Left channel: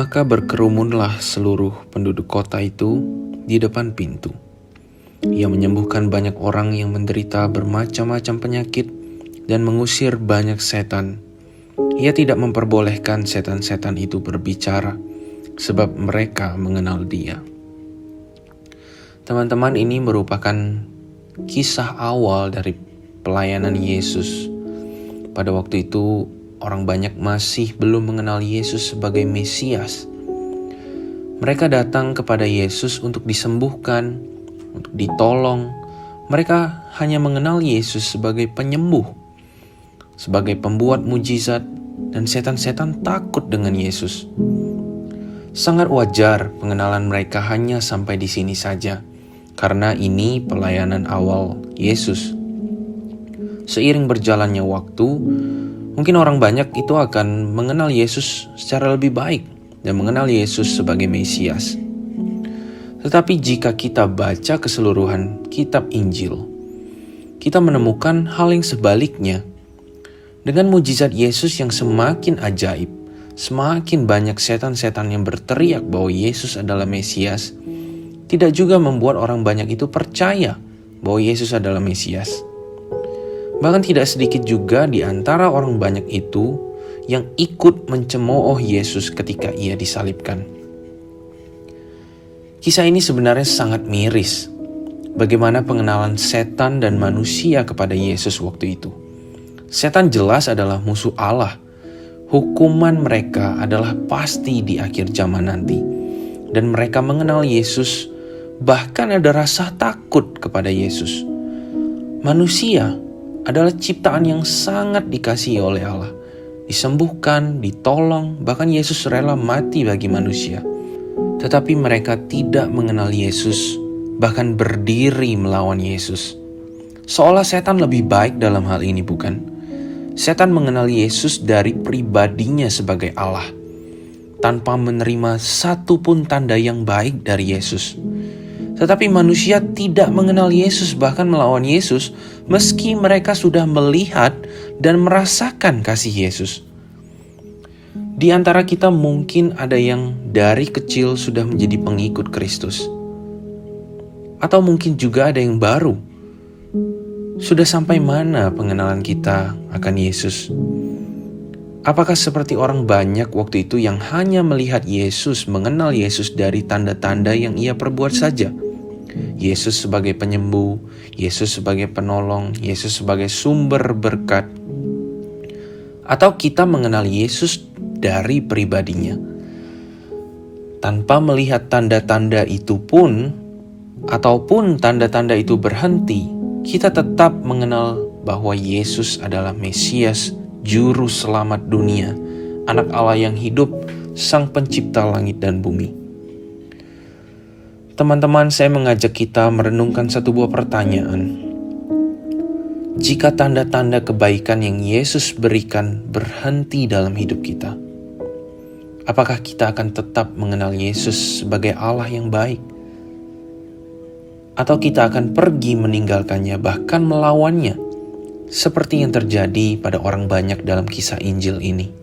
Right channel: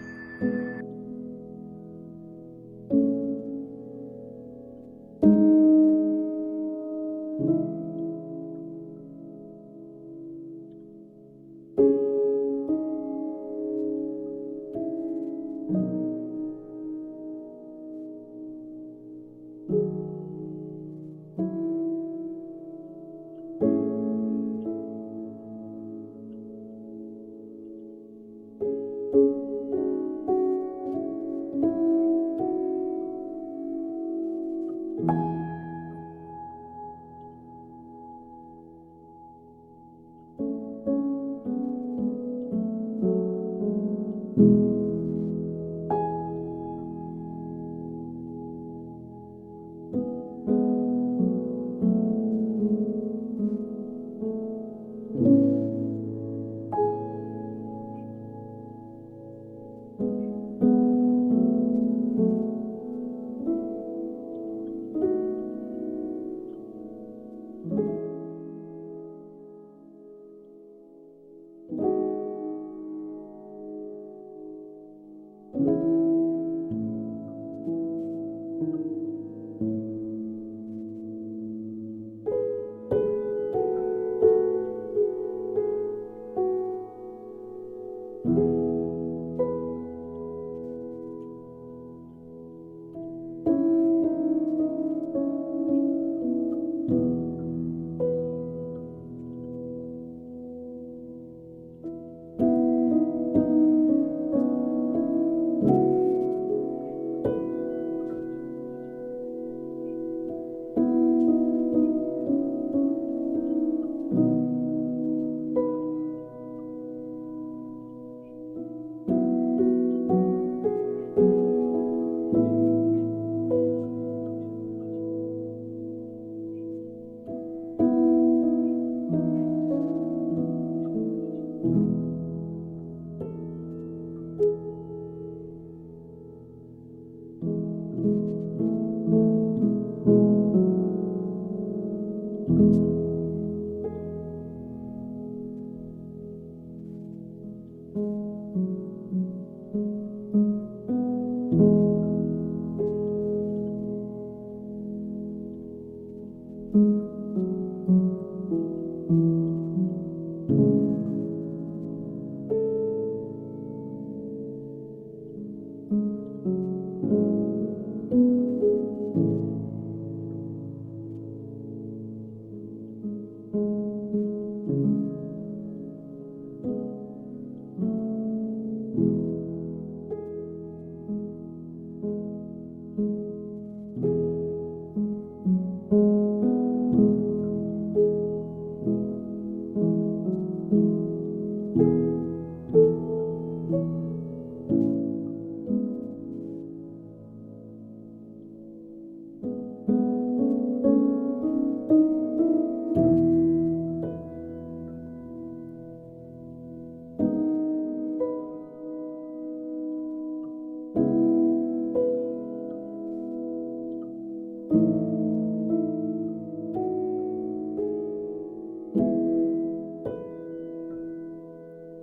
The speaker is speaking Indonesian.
Maka berkerumunlah seluruh penduduk kota itu di depan pintu. Ia menyembuhkan banyak orang yang menderita bermacam-macam penyakit dan mengusir banyak setan. Ia tidak memperbolehkan setan-setan itu berbicara, sebab mereka mengenal Dia. Teman-teman, ini merupakan kisah awal dari pelayanan Yesus. Pada waktu itu, orang banyak masih belum mengenal Yesus sebagai Mesias. Mereka datang kepada Yesus untuk disembuhkan, untuk ditolong. Mereka hanya mengenal Yesus sebagai penyembuh, sebagai pembuat mujizat, dan setan-setan takut dengan Yesus. Sangat wajar pengenalan mereka hanya sampai di sini saja, karena ini pelayanan awal Yesus. Seiring berjalannya waktu, mungkin orang banyak itu akan mengenal Yesus secara lebih baik dan mengenal Yesus sebagai Mesias. Tetapi jika kita baca keseluruhan kitab Injil, kita menemukan hal yang sebaliknya. Dengan mujizat Yesus yang semakin ajaib, semakin banyak setan-setan yang berteriak bahwa Yesus adalah Mesias, tidak juga membuat orang banyak itu percaya bahwa Yesus adalah Mesias. Bahkan tidak sedikit juga di antara orang banyak itu yang ikut mencemooh Yesus ketika Ia disalibkan. Kisah ini sebenarnya sangat miris. Bagaimana pengenalan setan dan manusia kepada Yesus waktu itu. Setan jelas adalah musuh Allah. Hukuman mereka adalah pasti di akhir zaman nanti. Dan mereka mengenal Yesus, bahkan ada rasa takut kepada Yesus. Manusia adalah ciptaan yang sangat dikasihi oleh Allah. Disembuhkan, ditolong, bahkan Yesus rela mati bagi manusia. Tetapi mereka tidak mengenal Yesus, bahkan berdiri melawan Yesus. Seolah setan lebih baik dalam hal ini, bukan? Setan mengenal Yesus dari pribadinya sebagai Allah, tanpa menerima satu pun tanda yang baik dari Yesus. Tetapi manusia tidak mengenal Yesus, bahkan melawan Yesus, meski mereka sudah melihat dan merasakan kasih Yesus. Di antara kita mungkin ada yang dari kecil sudah menjadi pengikut Kristus. Atau mungkin juga ada yang baru. Sudah sampai mana pengenalan kita akan Yesus? Apakah seperti orang banyak waktu itu yang hanya melihat Yesus, mengenal Yesus dari tanda-tanda yang Ia perbuat saja? Yesus sebagai penyembuh, Yesus sebagai penolong, Yesus sebagai sumber berkat. Atau kita mengenal Yesus dari pribadinya, tanpa melihat tanda-tanda itu pun, ataupun tanda-tanda itu berhenti, kita tetap mengenal bahwa Yesus adalah Mesias, Juru Selamat dunia, Anak Allah yang hidup, Sang Pencipta langit dan bumi. Teman-teman, saya mengajak kita merenungkan satu buah pertanyaan. Jika tanda-tanda kebaikan yang Yesus berikan berhenti dalam hidup kita, apakah kita akan tetap mengenal Yesus sebagai Allah yang baik? Atau kita akan pergi meninggalkannya, bahkan melawannya, seperti yang terjadi pada orang banyak dalam kisah Injil ini?